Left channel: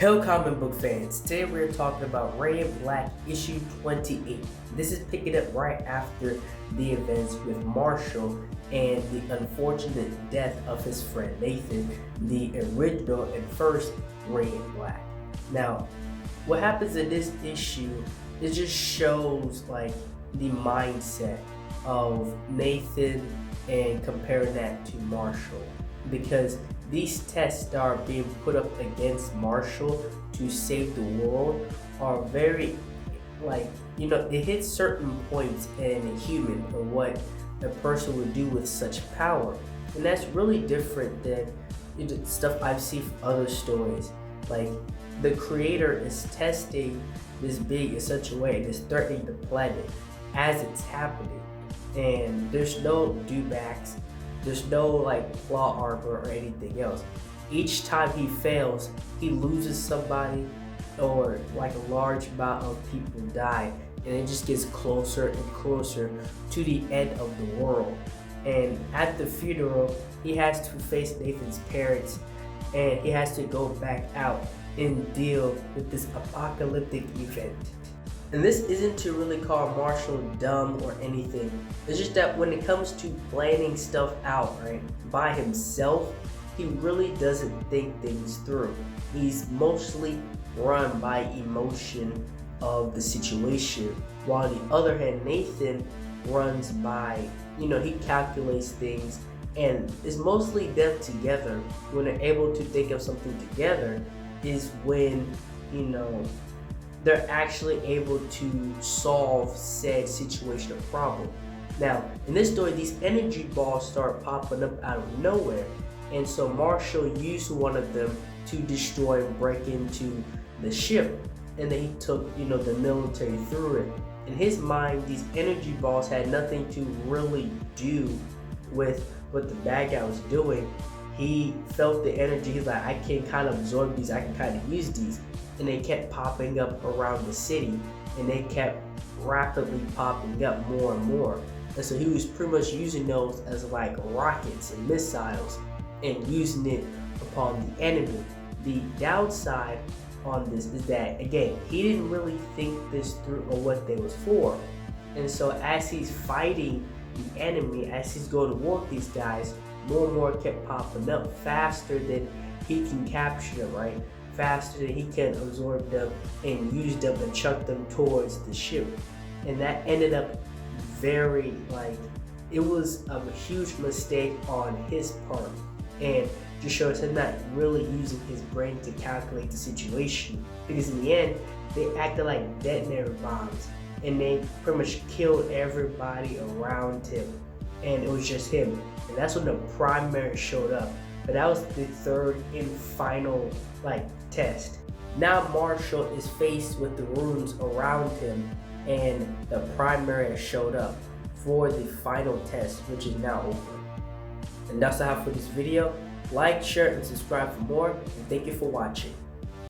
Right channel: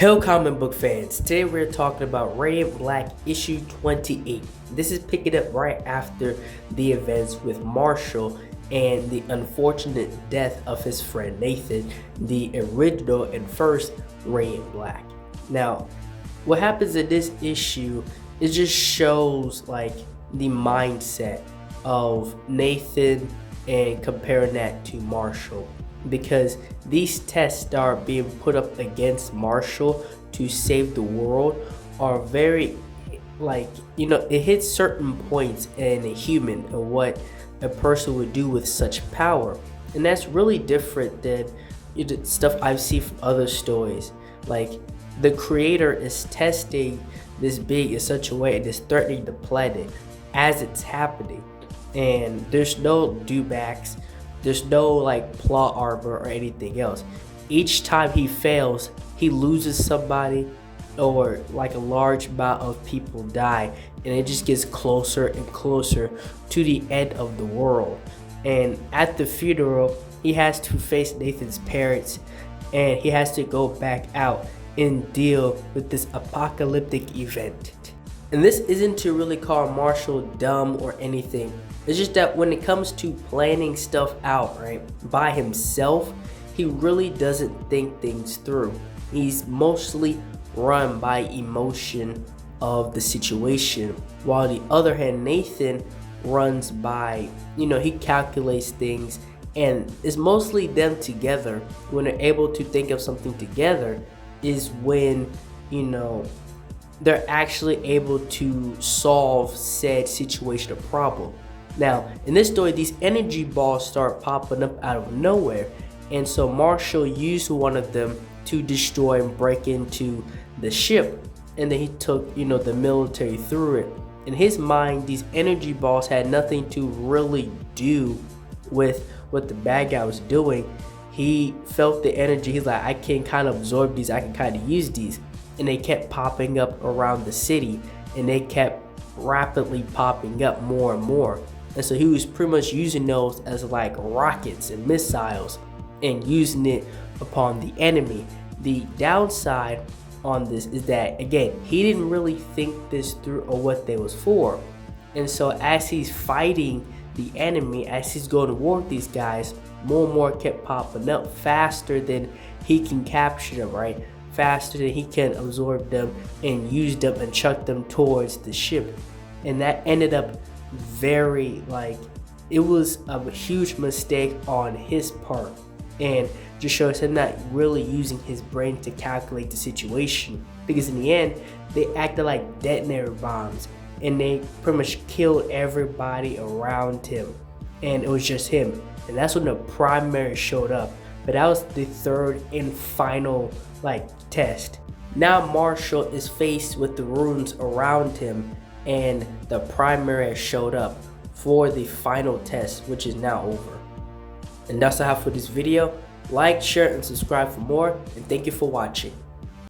Hello comic book fans, today we're talking about Radiant Black issue 28. This is picking up right after the events with Marshall and the unfortunate death of his friend Nathan, the original and first Radiant Black. Now, what happens in this issue, it just shows like the mindset of Nathan and comparing that to Marshall, because these tests that are being put up against Marshall to save the world are very, it hits certain points in a human and what a person would do with such power. And that's really different than stuff I've seen from other stories. Like, the creator is testing this being in such a way and is threatening the planet as it's happening. And there's no dewbacks, there's no like plot armor or anything else. Each time he fails, he loses somebody, or like a large amount of people die, and it just gets closer and closer to the end of the world. And at the funeral, he has to face Nathan's parents, and he has to go back out and deal with this apocalyptic event. And this isn't to really call Marshall dumb or anything. It's just that when it comes to planning stuff out, right, by himself, he really doesn't think things through. He's mostly run by emotion of the situation, while the other hand, Nathan runs by, he calculates things, and it's mostly them together. When they're able to think of something together is when, they're actually able to solve said situation or problem. Now, in this story, these energy balls start popping up out of nowhere, and so Marshall used one of them to destroy and break into the ship, and then he took, the military through it. In his mind, these energy balls had nothing to really do with what the bad guy was doing. He felt the energy, he's like, I can kind of absorb these, I can kind of use these. And they kept popping up around the city, and they kept rapidly popping up more and more. And so he was pretty much using those as like rockets and missiles and using it upon the enemy. The downside on this is that, again, he didn't really think this through or what they was for. And so as he's fighting the enemy, as he's going to war with these guys, more and more kept popping up faster than he can capture them, right? Faster than he can absorb them and use them and chuck them towards the ship. And that ended up very, it was a huge mistake on his part, and just shows him not really using his brain to calculate the situation, because in the end they acted like detonator bombs and they pretty much killed everybody around him, and it was just him. And that's when the primary showed up. But that was the third and final test. Now Marshall is faced with the runes around him, and the primary has showed up for the final test, which is now over. And that's all I have for this video. Like, share, and subscribe for more, and thank you for watching.